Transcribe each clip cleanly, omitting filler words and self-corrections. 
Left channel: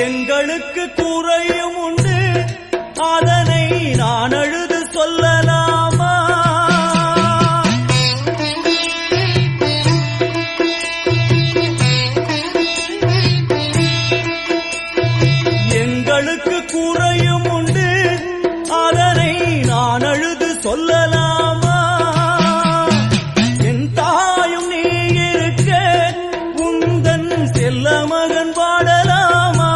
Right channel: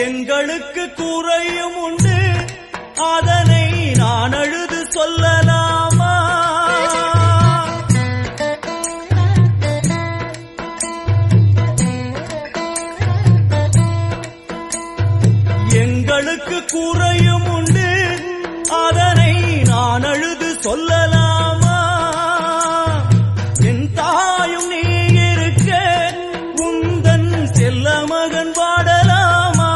எங்களுக்கு குறையும் உண்டு, அதனை நான் அழுது சொல்லலாமா? எங்களுக்கு குறையும் உண்டு, அதனை நான் அழுது சொல்லலாமா? என் தாயும் நீ இருக்க உந்தன் செல்ல மகன் பாடலாமா?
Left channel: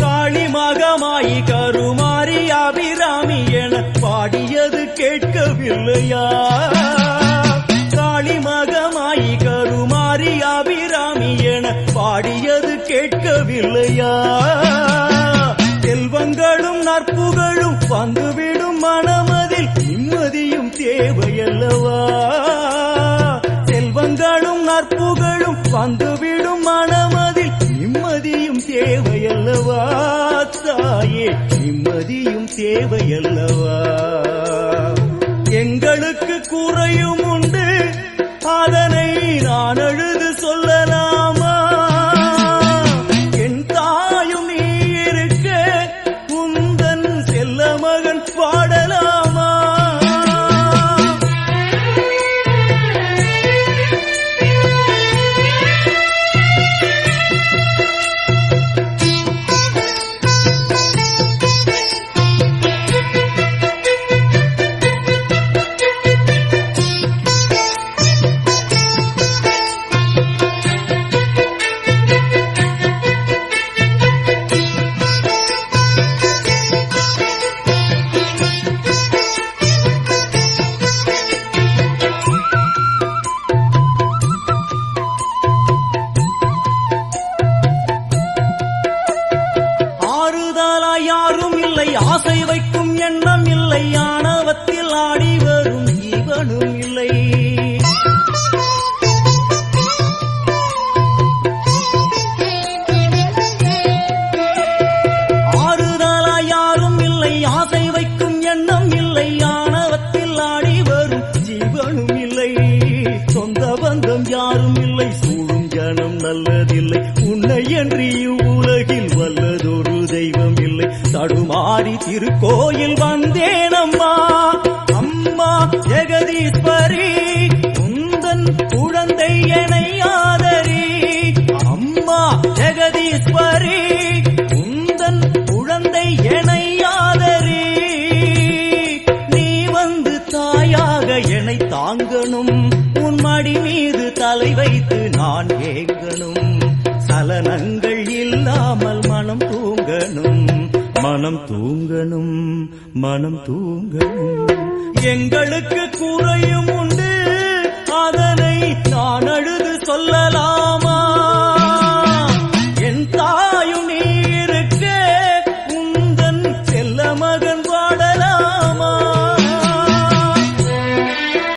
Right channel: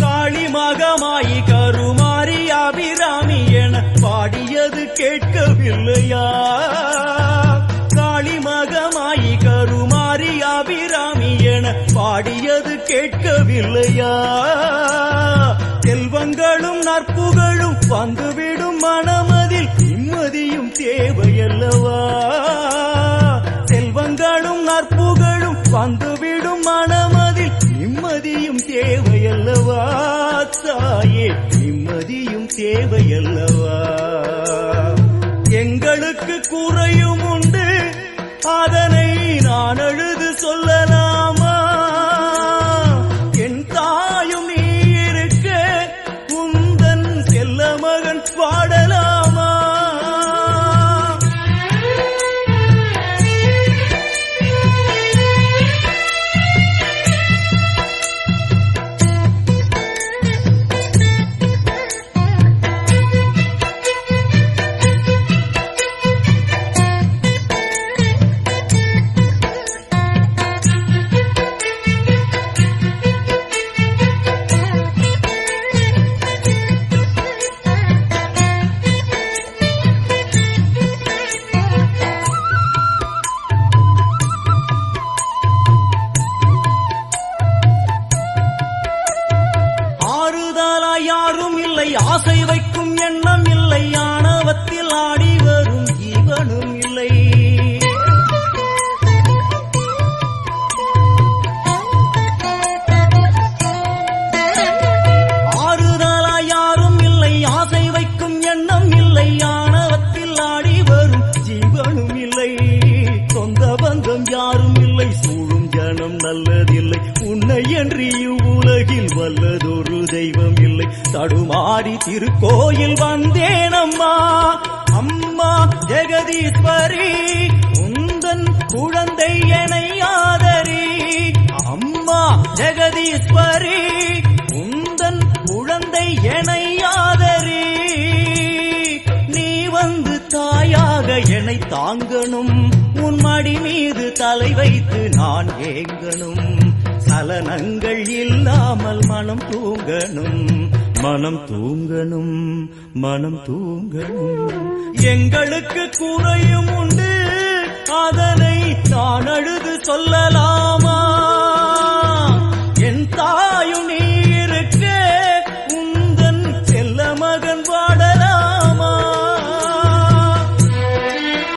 காளி மகமாயி கருமாரி அபிராமி என பாடியது கேட்கவில்லையா? காளி மகமாயி கருமாரி அபிராமி என பாடியது கேட்கவில்லையா? செல்வங்களும் நற்புகழும் வந்துவிடும் மனமதில் நிம்மதியும் தேவையல்லவா? செல்வங்களும் நற்புகழும் வந்துவிடும் மனமதில் நிம்மதியும் தேவையல்லவா? தாயே நிம்மதியும் தேவையல்லவா? எங்களுக்கு குறையும் உண்டு, அதனை நான் அழுது சொல்லலாமா? என் தாயும் நீ இருக்க உந்தன் செல்ல மகன் பாடலாமா? யாரும் இல்லை, ஆசை வைக்கும் எண்ணம் இல்லை, ஆணவத்தில் ஆடி வரும் ஜீவனும் இல்லை. ஆறுதலா யாரும் இல்லை, ஆசை வைக்கும் எண்ணம் இல்லை, ஆணவத்தில் ஆடி வரும் ஜீவனும் இல்லை. சொந்த பந்தம் யாரும் இல்லை, சூழும் ஜனம் நல்லதில்லை, உன்னை என்று இவ்வுலகில் வல்லதொரு தெய்வம் இல்லை. தடுமாறி திருக்கோயில் வந்தேனம்மா, அம்மா ஜெகதீஸ்வரி உந்தன் குழந்தை எனை ஆதரி. அம்மா ஜெகதீஸ்வரி உந்தன் குழந்தை எனை ஆதரி. நீ வந்து தாயாக என்னை தாங்கணும், உன் மடி மீது தலை வைத்து நான் ஏங்கணும். சலனங்கள் இல்லாமல் மனம் தூங்கணும், மனம் தூங்கணும், மனம் தூங்கணும். எங்களுக்கு குறையும் உண்டு, அதனை நான் அழுது சொல்லலாம்.